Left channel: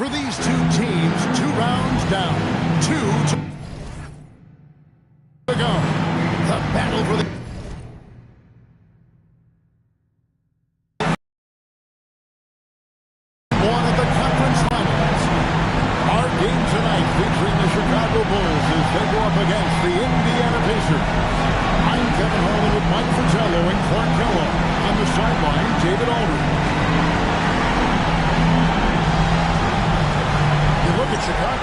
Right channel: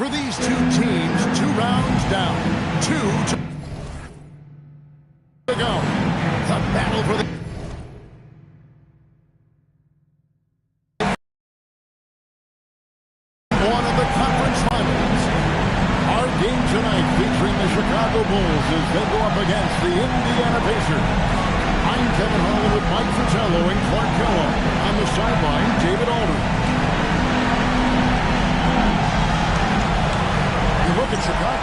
For these two teams, 2 rounds down, 2 to go. The battle for the one of the conference finals. Our game tonight featuring the Chicago Bulls as they go up against the Indiana Pacers. I'm Kevin Harlan with Mike Fratello and Clark Kellogg. On the sideline, David Aldridge. You look at Chicago.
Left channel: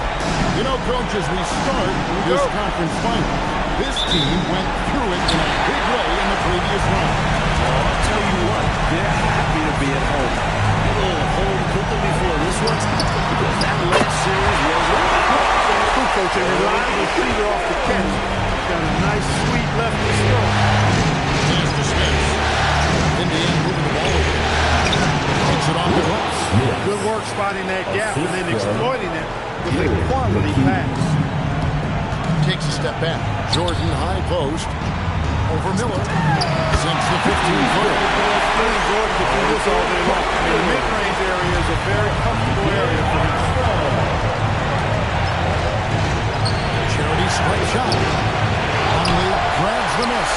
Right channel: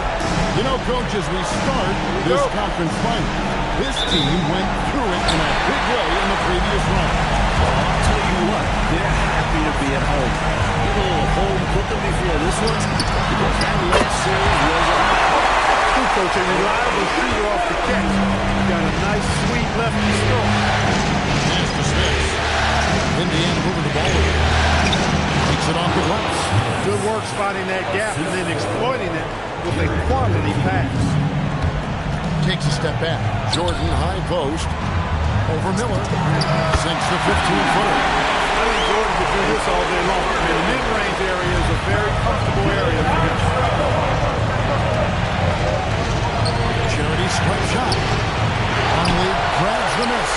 You know, Coach, as we start this conference final, this team went through it in a big way in the previous round. Well, I'll tell you what, they're happy to be at home. Get a little home cooking before this one, because that last series was a battle. Good coach, a reliable shooter off the catch. Got a nice, sweet lefty stroke. Pass to Smith. Indiana moving the ball over. Takes it off the glass. Good work spotting that gap and then exploiting it with a quality pass. Takes a step back. Jordan, high post. Over Miller. Sinks the 15-footer. I think Jordan could do this all day long. I mean, the mid-range area is a very comfortable area for him. Charity strike shot. Conley grabs the miss.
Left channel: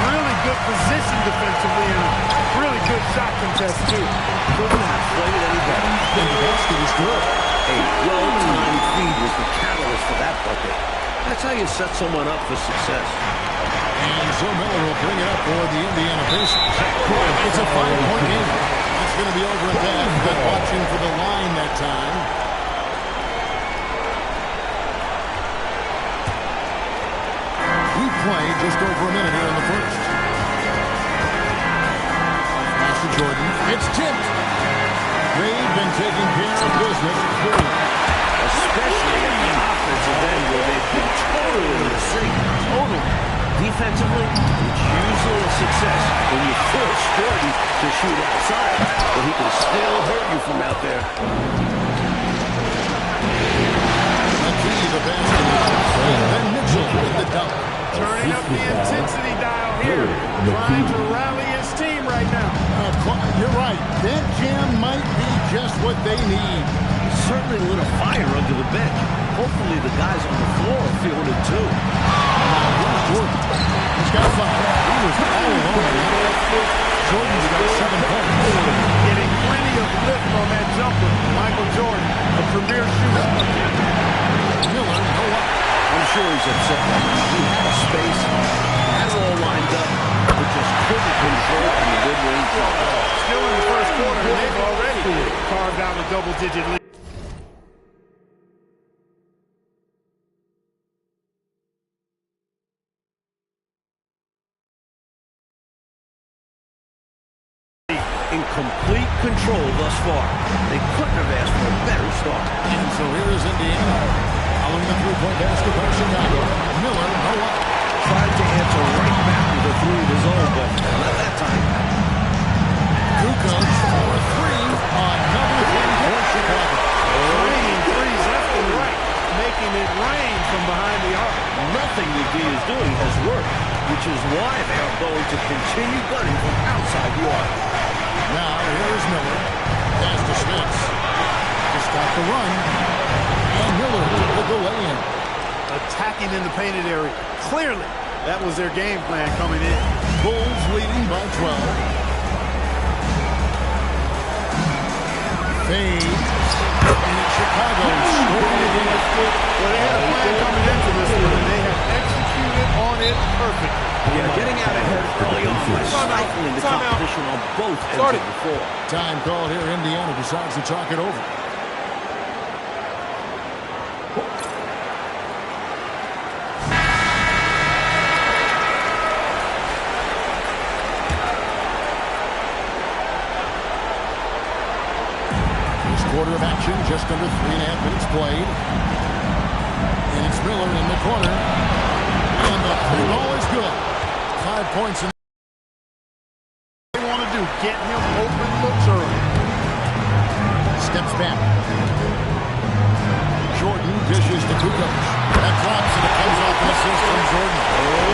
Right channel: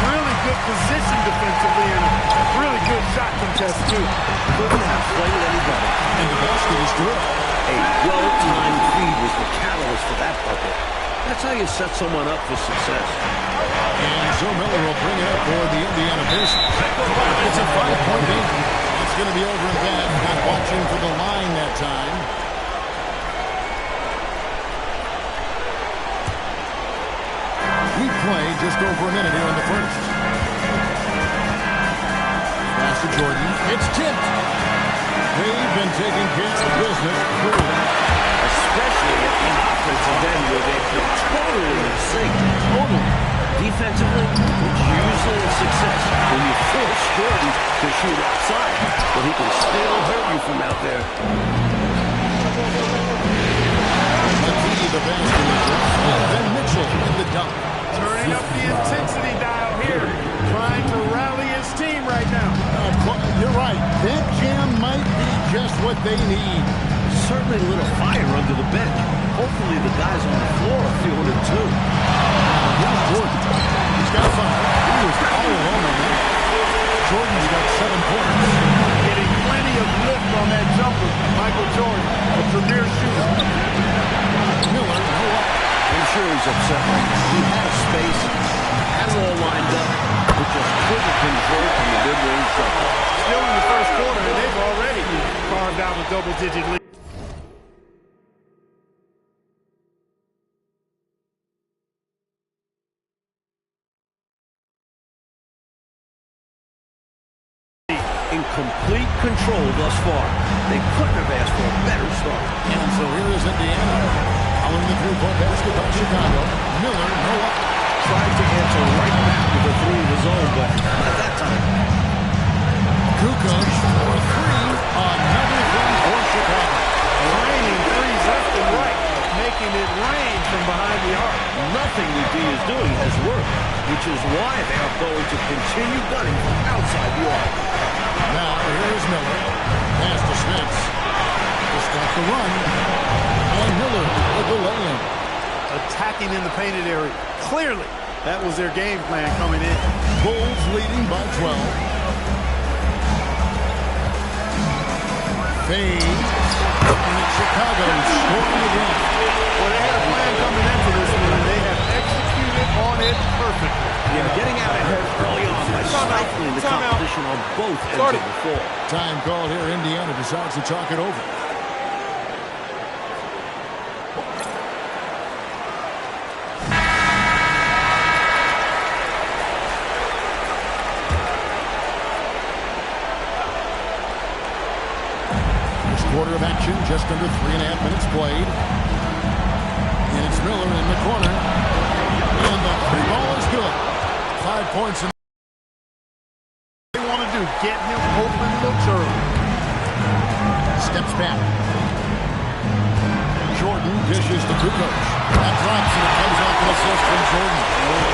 Really good position defensively and a really good shot contest, too. Couldn't have played it any better. And the basket is good. A well-timed feed was the catalyst for that bucket. That's how you set someone up for success. And so Miller will bring it up for the Indiana Pacers. It's a 5-point game. That's going to be over and back. Not watching for the line that time. We played just over a minute here in the first. Pass to Jordan. It's tipped. They've been taking care of business clearly. Especially at the offensive end where they've been totally in sync. Totally. Defensively, it's usually a success when you force Jordan to shoot outside, but he can still hurt you from out there. McKee, the basket, and then Mitchell in the dunk. Turning up the intensity dial here. Trying to rally his team right now. You're right. That jam might be just what they need. Certainly lit a fire under the bench. Hopefully the guys on the floor are feeling it too. Now here's Jordan. He's got 5. He was all alone on that. Jordan's got 7 points. Getting plenty of lift on that jumper. Michael Jordan, a premier shooter. Miller, no up. I'm sure he's upset right now. He had a space, had it all lined up, but just couldn't convert on the mid-range jumper. Still in the first quarter, and they've already carved out a double-digit lead. In complete control thus far. They couldn't have asked for a better start. And so here is Indiana. Following the three-point basket by Chicago. Miller, no up. Tried to answer right back with a 3 of his own, but not that time. Kukoc for 3. Another 3 for Chicago. Raining threes left and right, making it rain from behind the arc. Nothing the D is doing has worked, which is why they are going to continue gunning from outside the arc. Now, here's Miller. Pass to Smith. To stop the run. And Miller with the lay-in. Attacking in the painted area. Clearly, that was their game plan coming in. Bulls leading by 12. Fades. And it's Chicago scoring again. Well, they had a plan coming into this one, and they have executed on it perfectly. Yeah, getting out ahead early on by stifling the competition on both ends of the floor. Time called here. Indiana decides to talk it over. First quarter of action, just under 3.5 minutes played. And it's Miller in the corner. And the 3 ball is good. 5 points. They want to do, get him open looks early. Steps back. Jordan dishes to Kukoc. That drops and it comes off an assist from Jordan.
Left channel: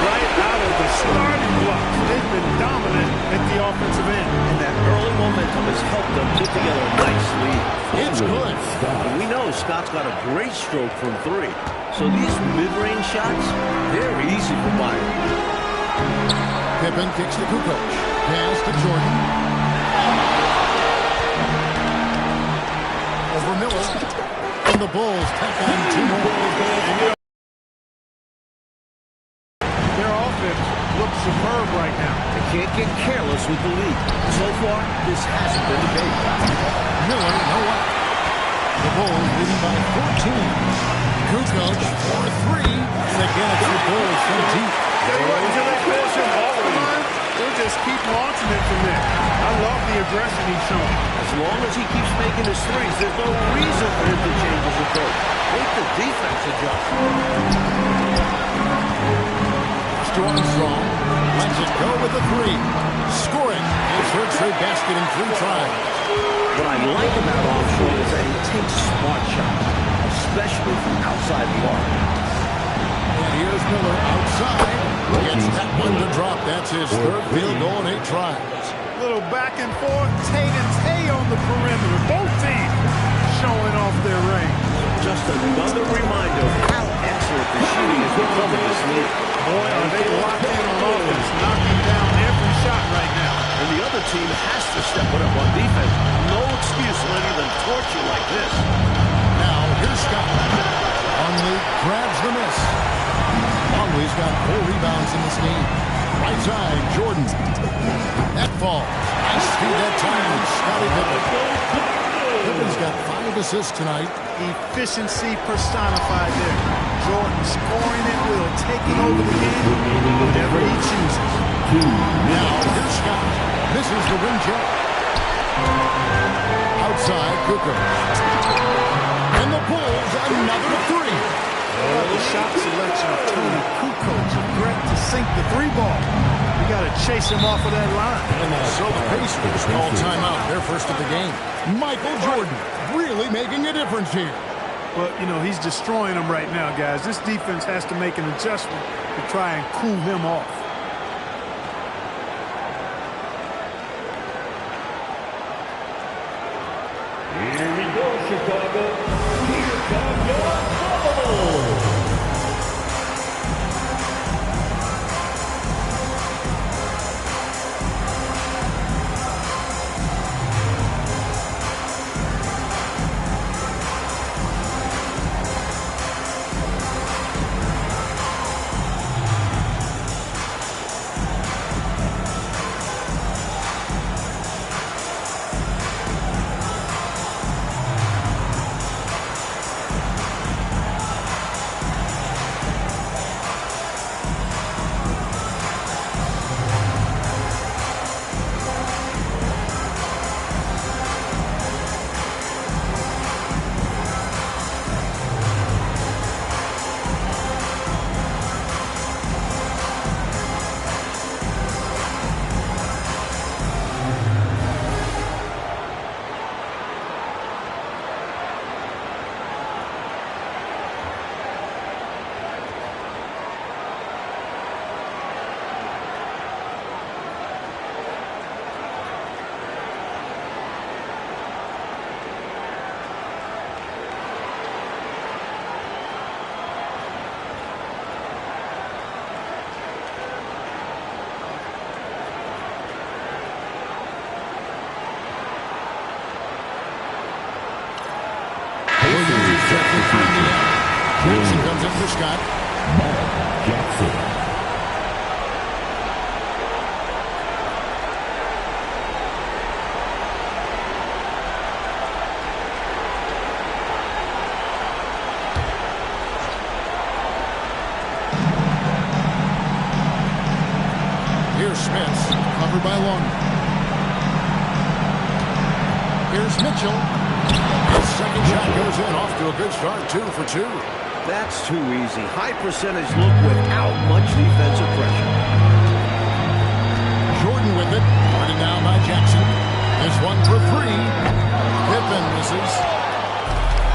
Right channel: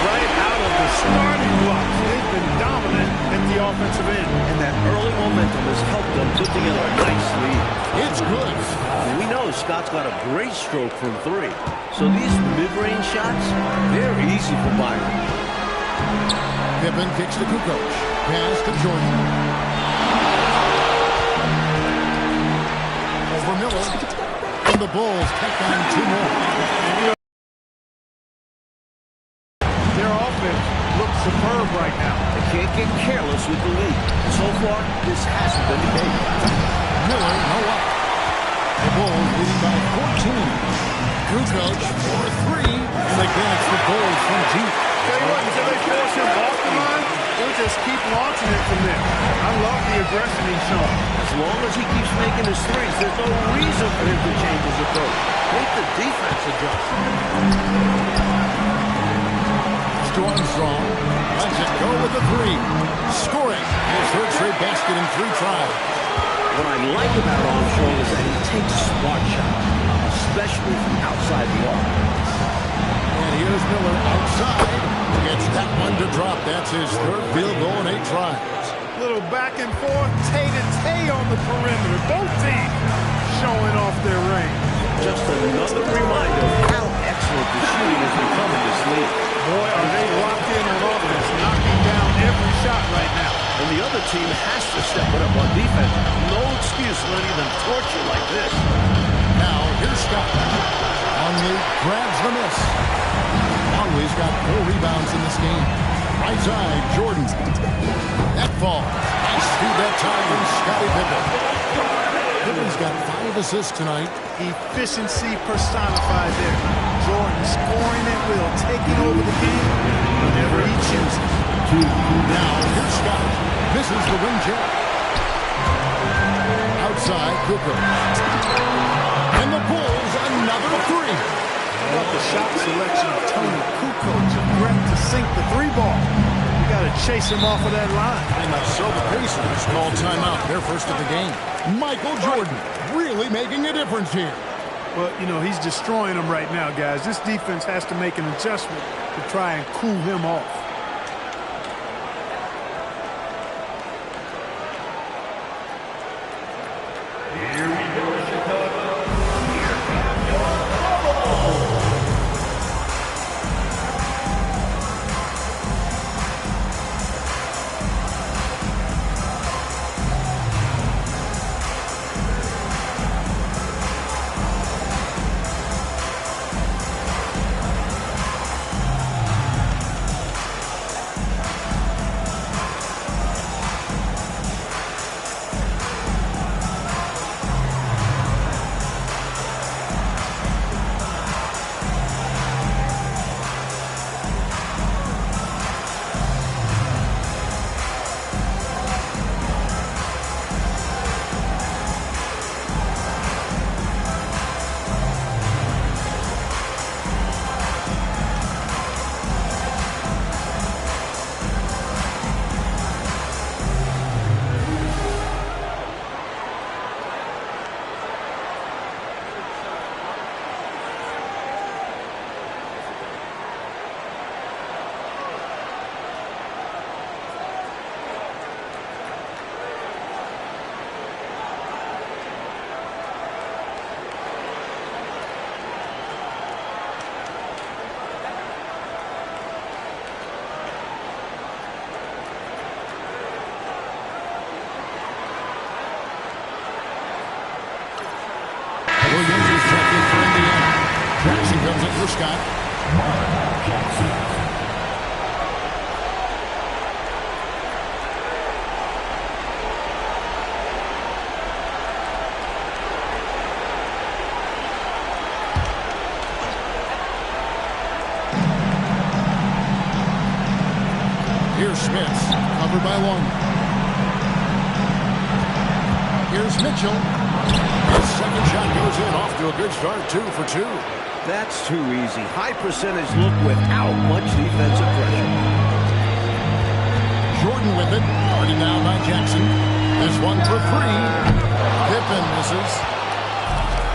Right out of the starting blocks. They've been dominant at the offensive end. And that early momentum has helped them put together a nice lead. It's good. And we know Scott's got a great stroke from three. So these mid-range shots, they're easy for Byron. Pippen kicks to Kukoc. Pass to Jordan. Over Miller. And the Bulls tack on 2 more. Their offense looks superb right now. They can't get careless with the lead. So far, this hasn't been the case. Miller, no up. The Bulls leading by 14. Kukoc for 3. And again, it's the Bulls from deep. Tell you what, until they force him off the line, they'll just keep launching it from there. I love the aggression he's showing. As long as he keeps making his threes, there's no reason for him to change his approach. Make the defense adjust. To Armstrong. Lets it go with the 3. Scoring his 3rd straight basket in 3 tries. What I like about Armstrong is that he takes smart shots, especially from outside the arc. And here's Miller outside. Gets that one to drop. That's his 3rd field goal in 8 tries. Little back and forth, tay-to-tay on the perimeter. Both teams showing off their range. Just another reminder of how excellent the shooting has become in this league. Boy, are they locked in on offense, knocking down every shot right now. And the other team has to step it up on defense. No excuse letting them torch you like this. Now, here's Scott. Longley grabs the miss. Longley's got 4 rebounds in this game. Right side, Jordan. That falls. Nice feed that time from Scottie Pippen. Pippen's got 5 assists tonight. Efficiency personified there. Jordan scoring at will, taking over the game whenever he chooses. Now, here's Scott. Misses the rim check. Outside, Kukoc. And the Bulls, another 3. How about the shot selection of Tony Kukoc? A threat to sink the 3 ball. You got to chase him off of that line. And so the Pacers call timeout. Their first of the game. Michael Jordan really making a difference here. Well, you know, he's destroying them right now, guys. This defense has to make an adjustment to try and cool him off. Here we go, Chicago. Here comes your trouble. Williams is checked in for Indiana. Jackson comes in for Scott. Jackson. Here's Smith, covered by Long. Here's Mitchell. His second shot goes in, off to a good start, 2 for 2. That's too easy. High percentage look without much defensive pressure. Jordan with it, guarded down by Jackson. This one for 3. Pippen misses.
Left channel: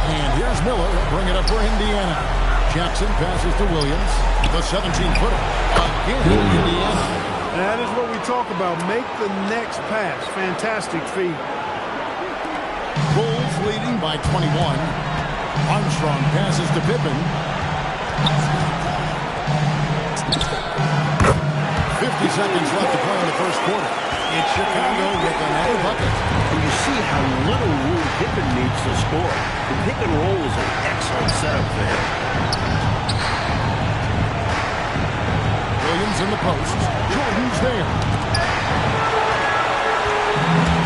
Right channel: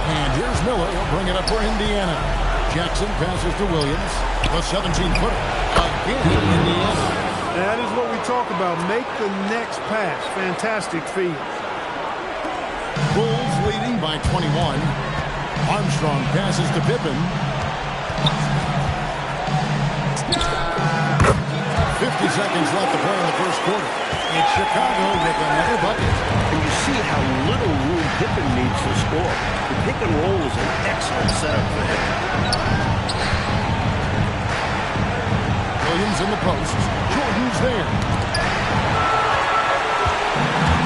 And here's Miller. He'll bring it up for Indiana. Jackson passes to Williams. The 17-footer. Again, Indiana. That is what we talk about. Make the next pass. Fantastic feed. Bulls leading by 21. Armstrong passes to Pippen. 50 seconds left to play in the first quarter. It's Chicago with another bucket. And you see how little room Pippen needs to score. The pick and roll is an excellent setup for him. Williams in the post. Jordan's there.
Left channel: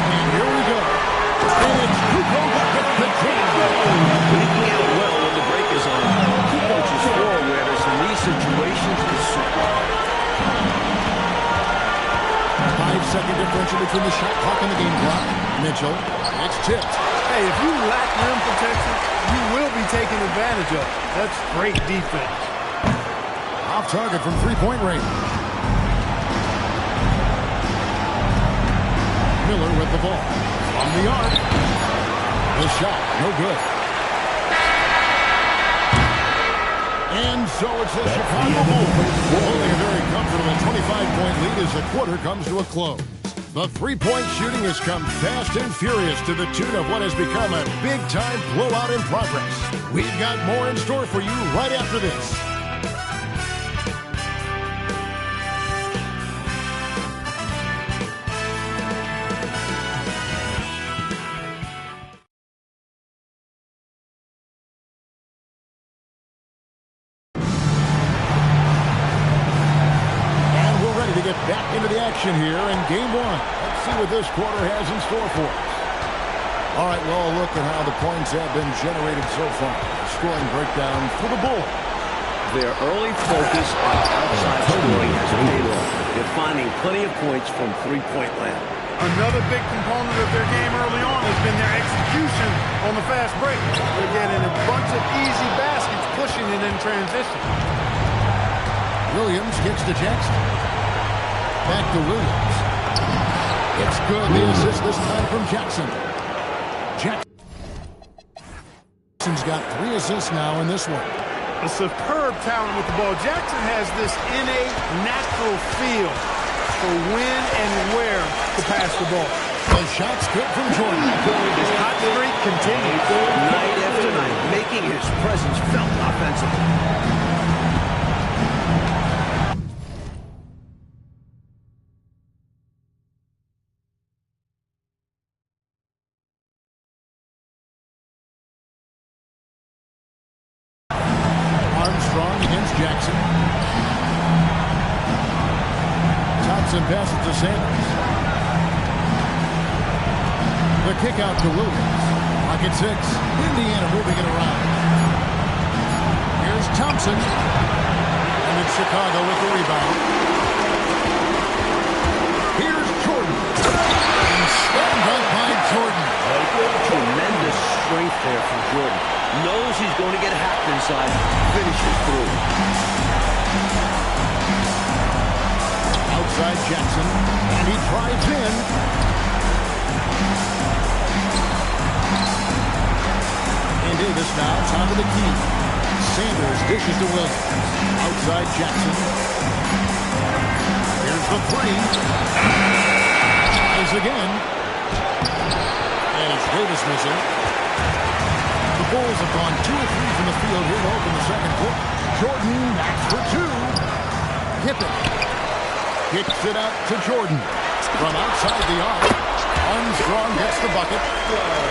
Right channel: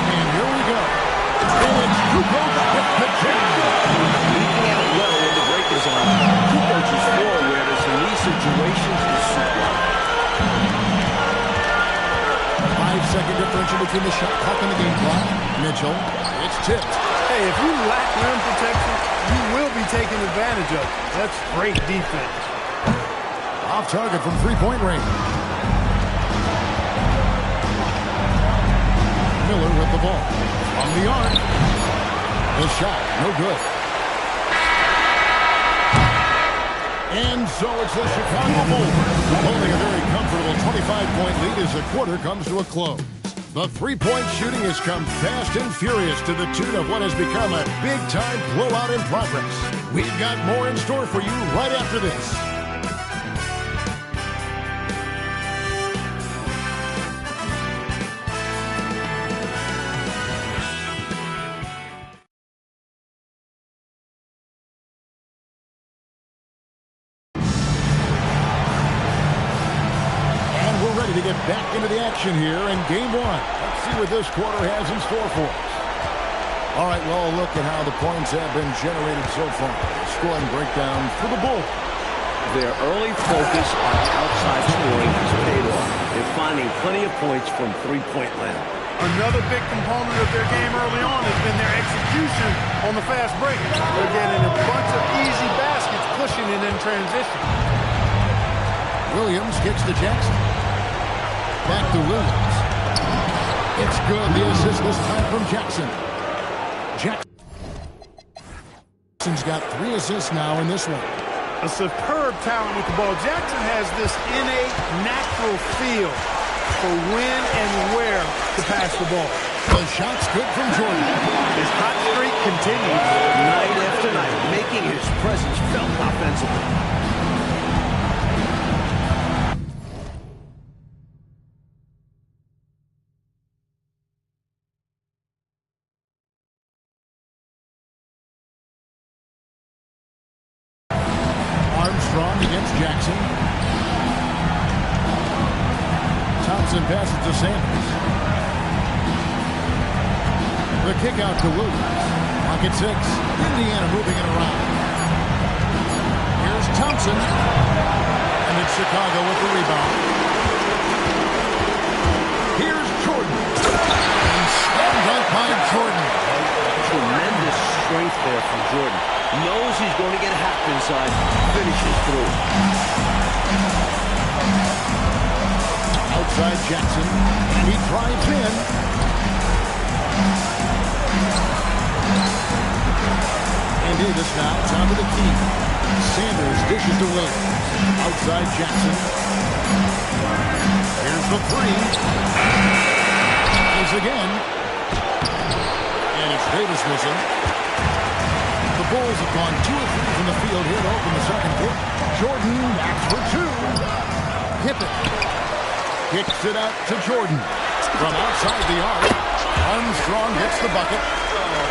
And here we go. And it's Kukoc with the jam. Leaking out well when the break is on. Kukoc's floor awareness in these situations is sublime. 5-second differential between the shot clock and the game clock. Mitchell, it's tipped. Hey, if you lack rim protection, you will be taken advantage of. That's great defense. Off target from three-point range. Miller with the ball. From the arc. The shot, no good. And so it's the Chicago Bulls holding a very comfortable 25-point lead as the quarter comes to a close. The three-point shooting has come fast and furious to the tune of what has become a big-time blowout in progress. We've got more in store for you right after this. To get back into the action here in game one. Let's see what this quarter has in store for us. All right, well, look at how the points have been generated so far. The scoring breakdown for the Bulls. Their early focus on outside scoring has paid off. They're finding plenty of points from three-point land. Another big component of their game early on has been their execution on the fast break. They're getting a bunch of easy baskets, pushing it in transition. Williams kicks to Jackson. Back to Williams. It's good. The assist this time from Jackson. Jackson's got 3 assists now in this one. A superb talent with the ball. Jackson has this innate, natural feel for when and where to pass the ball. The shot's good from Jordan. His hot streak continues. Night after night, making his presence felt offensively. Armstrong against Jackson. Thompson passes to Sanders. The kick out to Williams. Pocket 6. Indiana moving it around. Here's Thompson. And it's Chicago with the rebound. Here's Jordan. And slam dunk by Jordan. Tremendous strength there from Jordan. Knows he's going to get hacked inside. Finishes through. Outside Jackson. And he drives in. And Davis now top of the key. Sanders dishes to Williams. Outside Jackson. Here's the 3. Tries again. And it's Davis missing. The Bulls have gone 2 of 3 from the field here to open the second quarter. Jordan, that's for 2. Pippen kicks it out to Jordan. From outside the arc, Armstrong gets the bucket.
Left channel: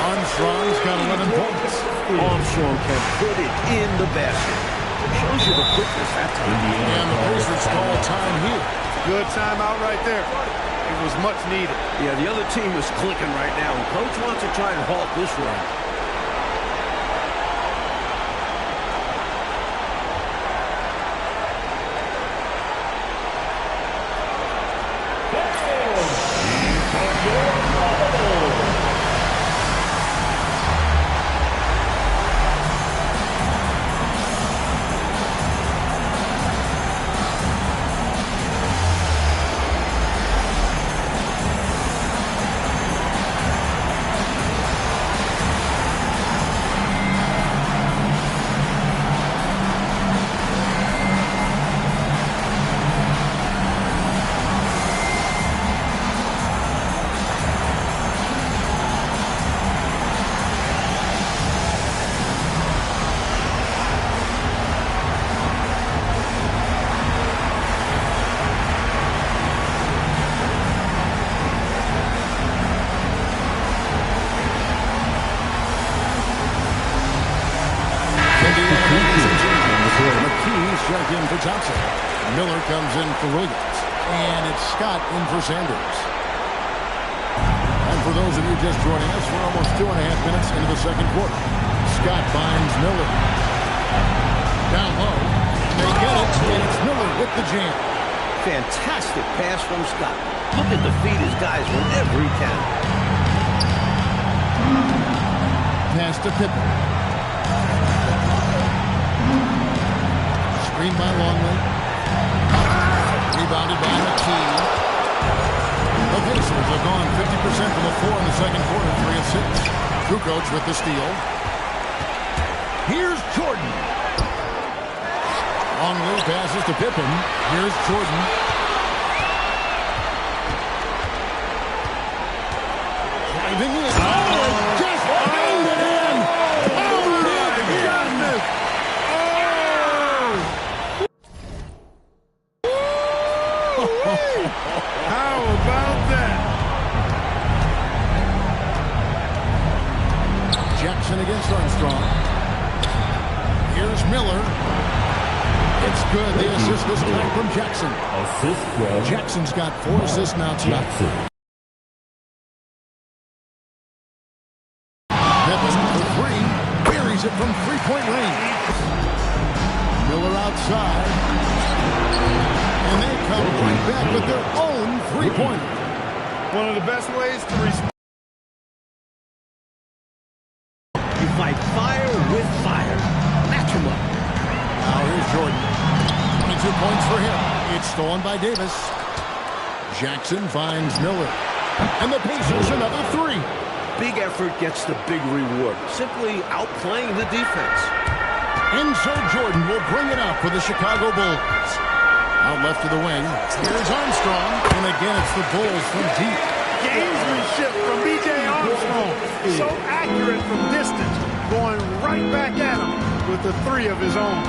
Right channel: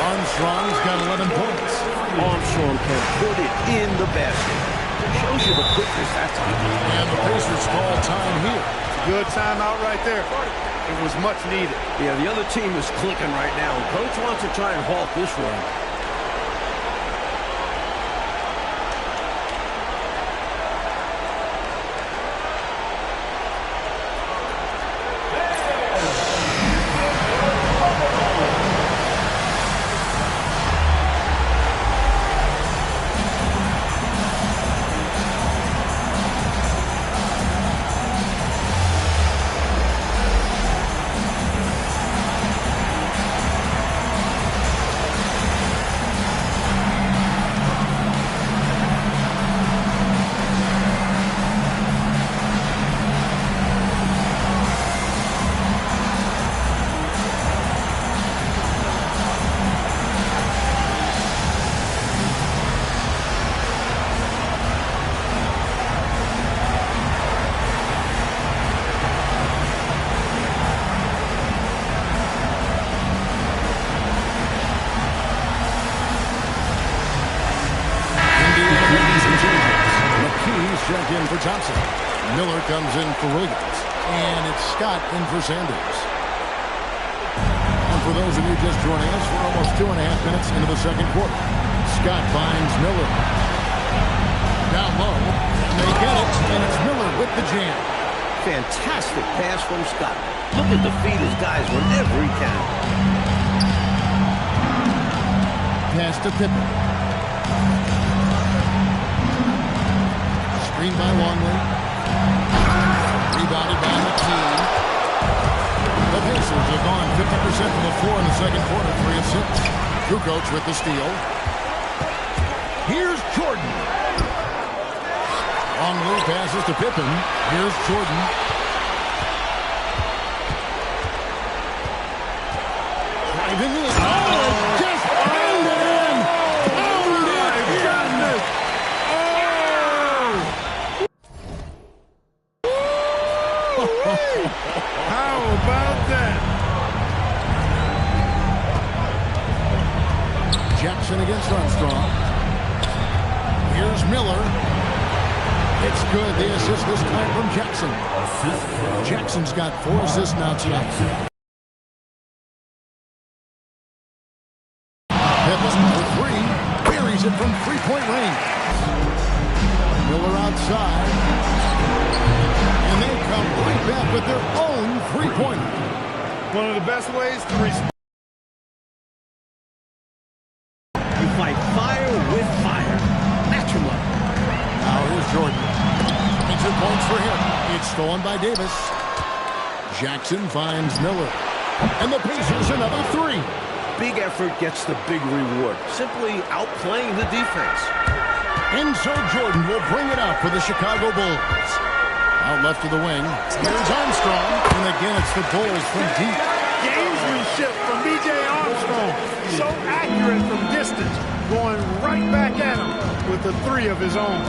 Armstrong's got 11 points. Armstrong can put it in the basket. Shows you the quickness that time. And the Pacers call time here. Good timeout right there. It was much needed. Yeah, the other team is clicking right now. And Coach wants to try and halt this run. McKee's checked in for Thompson. Miller comes in for Williams. And it's Scott in for Sanders. And for those of you just joining us, we're almost 2.5 minutes into the second quarter. Scott finds Miller. Down low. And they get it. And it's Miller with the jam. Fantastic pass from Scott. Looking to feed his guys whenever he can. Pass to Pippen. Screen by Longley. Rebounded by McKee. The Pacers have gone 50% from the floor in the second quarter, 3 of 6. Kukoc with the steal. Here's Jordan. Longley passes to Pippen. Here's Jordan. Driving in. Oh, just pound it in. Pound it in. How about that? Jackson against Armstrong. Here's Miller. It's good. The assist this time from Jackson. Assist from Jackson's got 4 assists now tonight. Pippen for 3. Buries it from three-point range. Miller outside. And they come right back with their own three-pointer. One of the best ways to respond. You fight fire with fire. Match him up. Now here's Jordan. 22 points for him. It's stolen by Davis. Jackson finds Miller. And the Pacers another 3. Big effort gets the big reward. Simply outplaying the defense. And so Jordan will bring it up for the Chicago Bulls. Out left to the wing. Here's Armstrong. And again, it's the Bulls from deep. Gamesmanship from B.J. Armstrong. So accurate from distance. Going right back at him with the 3 of his own.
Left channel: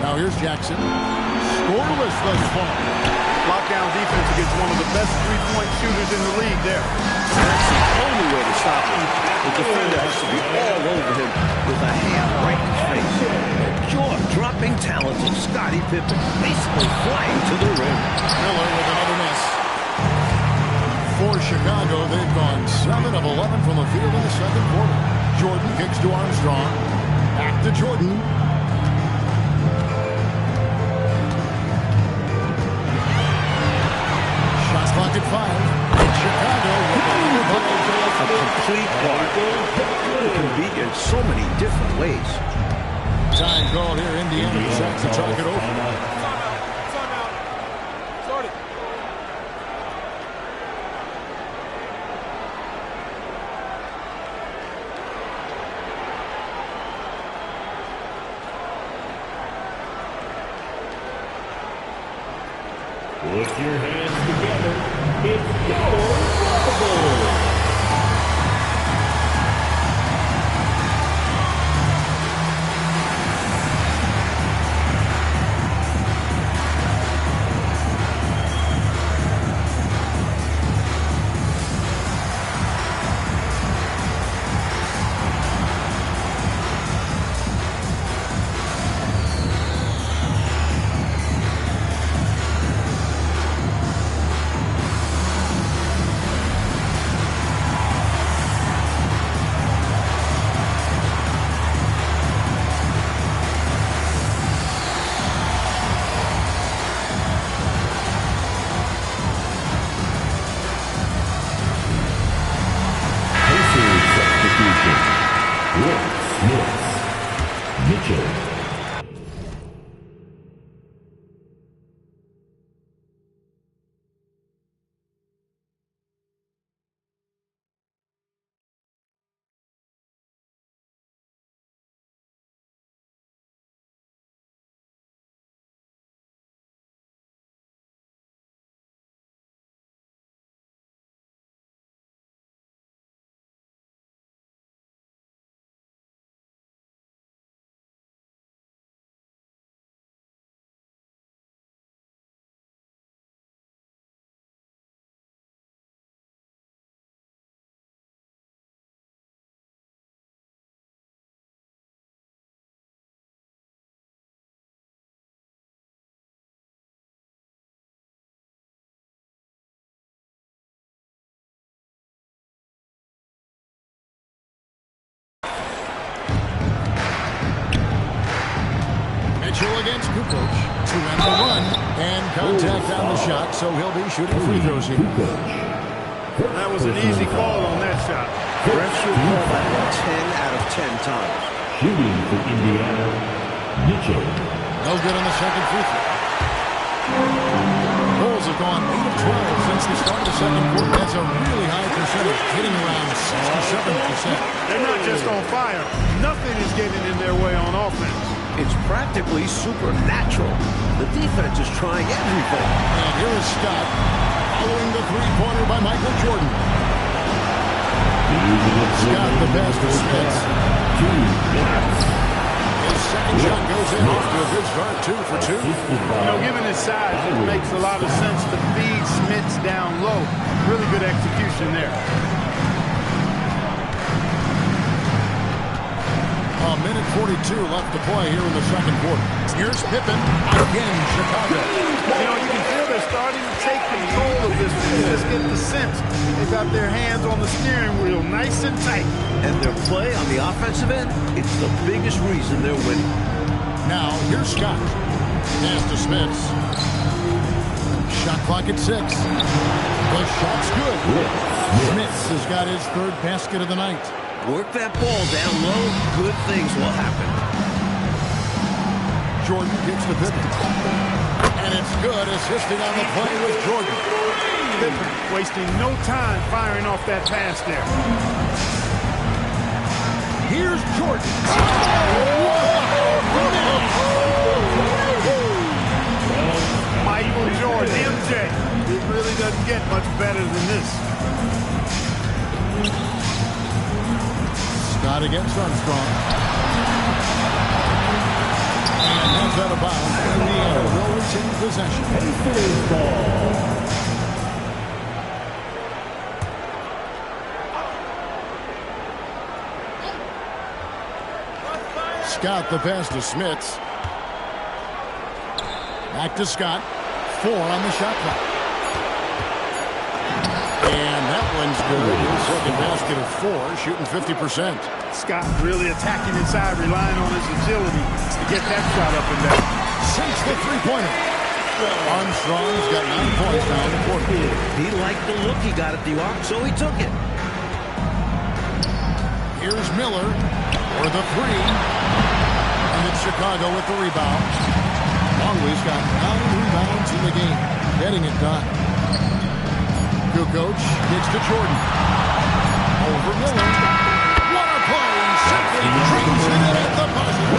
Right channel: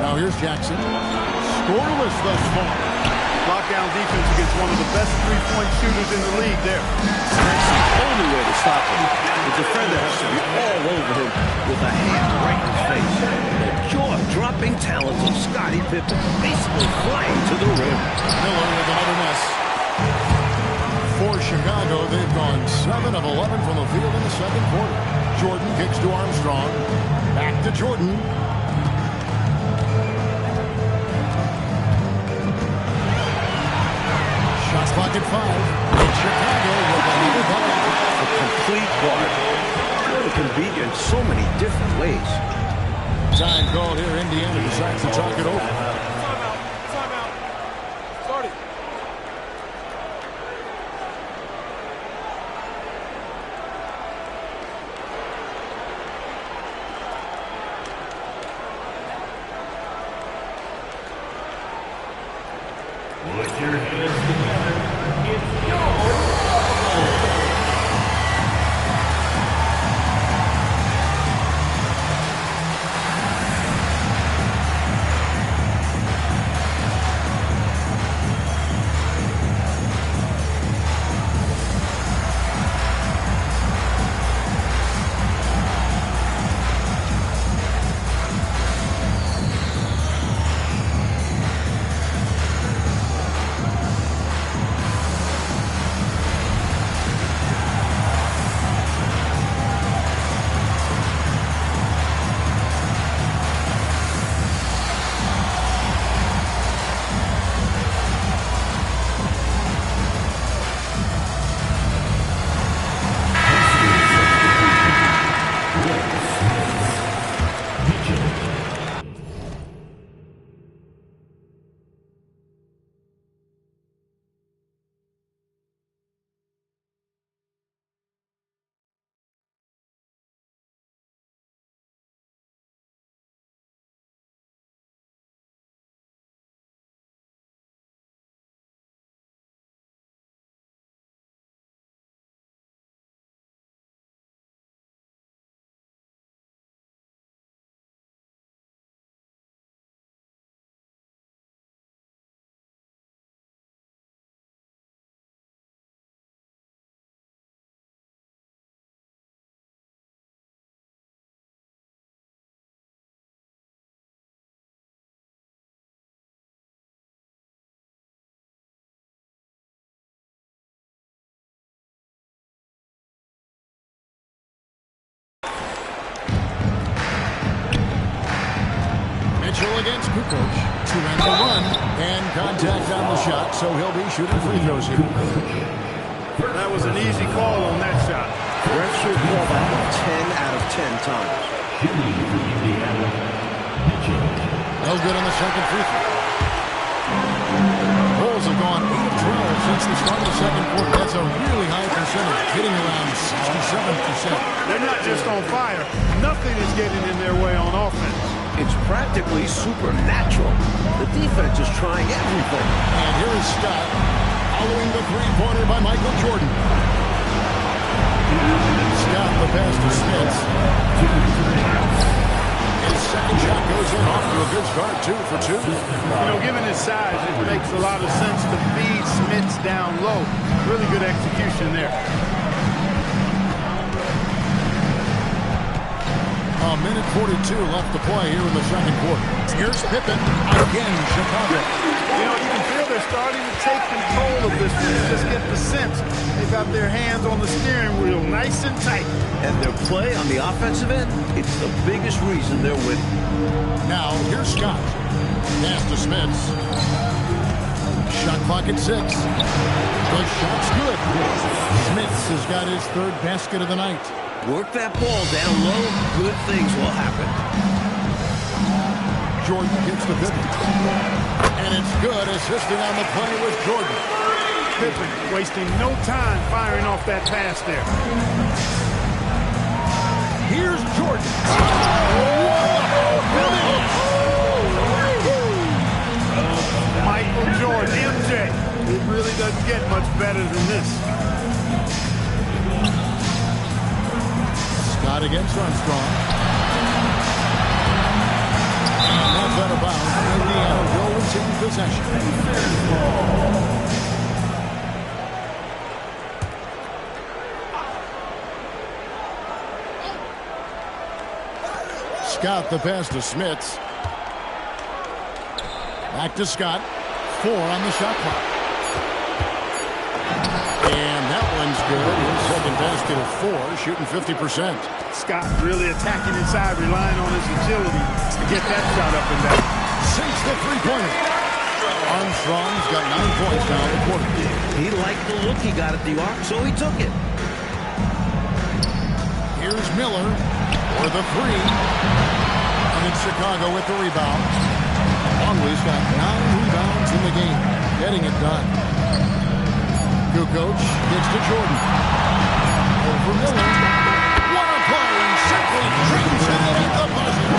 Now here's Jackson. Scoreless thus far. Lockdown defense against one of the best three-point shooters in the league there. That's the only way to stop him. The defender has to be all over him with a hand right in his face. The jaw-dropping talent of Scottie Pippen basically flying to the rim. Miller with another miss. For Chicago, they've gone 7 of 11 from the field in the second quarter. Jordan kicks to Armstrong. Back to Jordan. Shot clock at 5. And Chicago with another bucket. A complete guard. Jordan can beat you in so many different ways. Time called here. Indiana decides to talk it over. Timeout. Start it. Put your hands together. It's your Bubble. Mitchell against Kukoc. 2 and the 1. And contact on the shot, so he'll be shooting free throws here. That was an easy call on that shot. Refs will call that one 10 out of 10 times. Shooting for Indiana, Mitchell. No good on the second free throw. Bulls have gone 8 of 12 since the start of the second quarter. That's a really high percentage, hitting around 67%. They're not just on fire. Nothing is getting in their way on offense. It's practically supernatural. The defense is trying everything. And here is Scott following the three-pointer by Michael Jordan. Scott the pass to Smith. His second shot goes in, off to a good start, 2 for 2. You know, given his size, it makes a lot of sense to feed Smits down low. Really good execution there. A minute 42 left to play here in the second quarter. Here's Pippen again, Chicago. You know, you can feel they're starting to take control of this one. You just get the sense they've got their hands on the steering wheel nice and tight. And their play on the offensive end, it's the biggest reason they're winning. Now, here's Scott. Pass to Smits. Shot clock at 6. The shot's good. Smits has got his third basket of the night. Work that ball down low, good things will happen. Jordan gets to Pippen. And it's good, assisting on the play with Jordan. Pippen wasting no time firing off that pass there. Here's Jordan. Oh, Michael Jordan, MJ. It really doesn't get much better than this. Scott against Armstrong. And that's out of bounds. Indiana will retain possession. Scott the pass to Smits. Back to Scott. 4 on the shot clock. And that one's good. His second basket of 4, shooting 50%. Scott really attacking inside, relying on his agility to get that shot up and down. Sinks the three-pointer. Armstrong's got 9 points now in the quarter. He liked the look he got at the arc, so he took it. Here's Miller for the 3. And it's Chicago with the rebound. Longley's got 9 rebounds in the game, getting it done. Kukoc kicks to Jordan. Over Miller. What a play! Simply drains it in at the buzzer.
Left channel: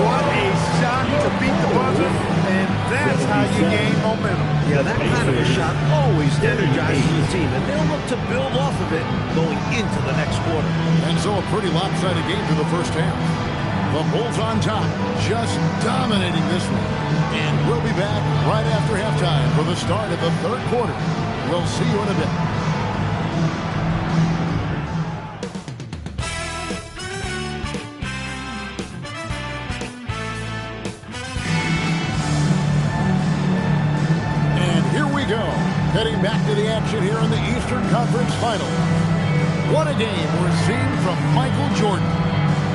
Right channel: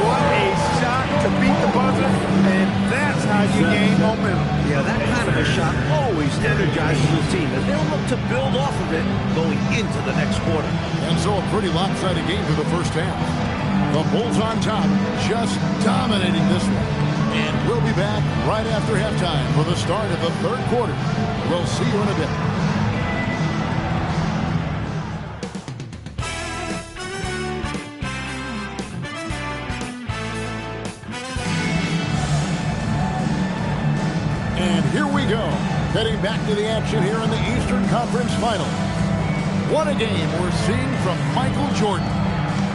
What a shot to beat the buzzer, and that's how you gain momentum. Yeah, that kind of a shot always energizes the team, and they'll look to build off of it going into the next quarter. And so a pretty lopsided game through the first half. The Bulls on top, just dominating this one. And we'll be back right after halftime for the start of the third quarter. We'll see you in a bit. And here we go. Heading back to the action here in the Eastern Conference Final. What a game we're seeing from Michael Jordan.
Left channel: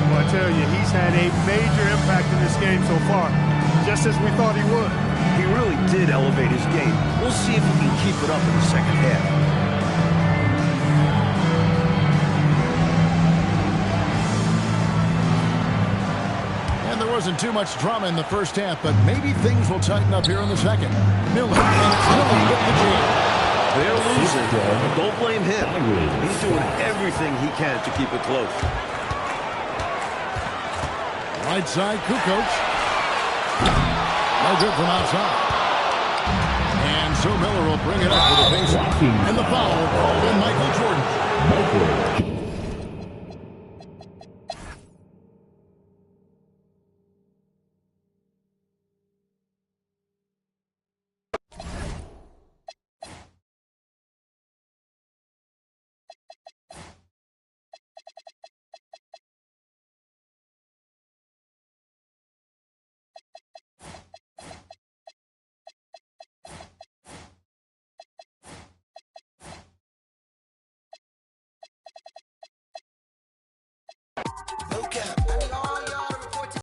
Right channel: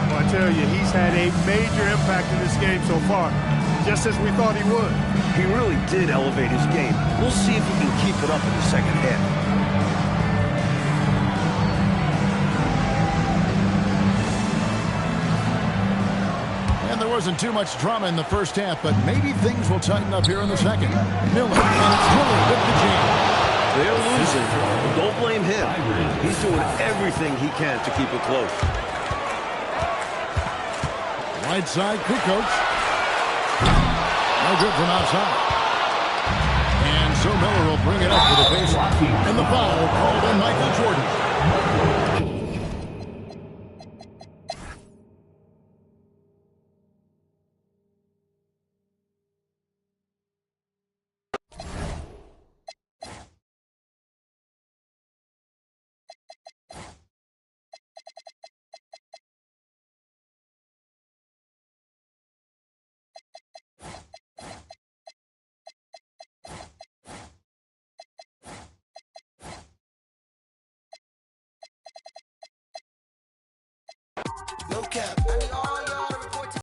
Well, I tell you, he's had a major impact in this game so far, just as we thought he would. He really did elevate his game. We'll see if he can keep it up in the second half. And there wasn't too much drama in the first half, but maybe things will tighten up here in the second. Miller, and it's Miller with the jam. They're losing, but don't blame him. He's doing everything he can to keep it close. Right side, Kukoc. No good from outside. And so Miller will bring it up for the baseline. And the foul called on Michael Jordan.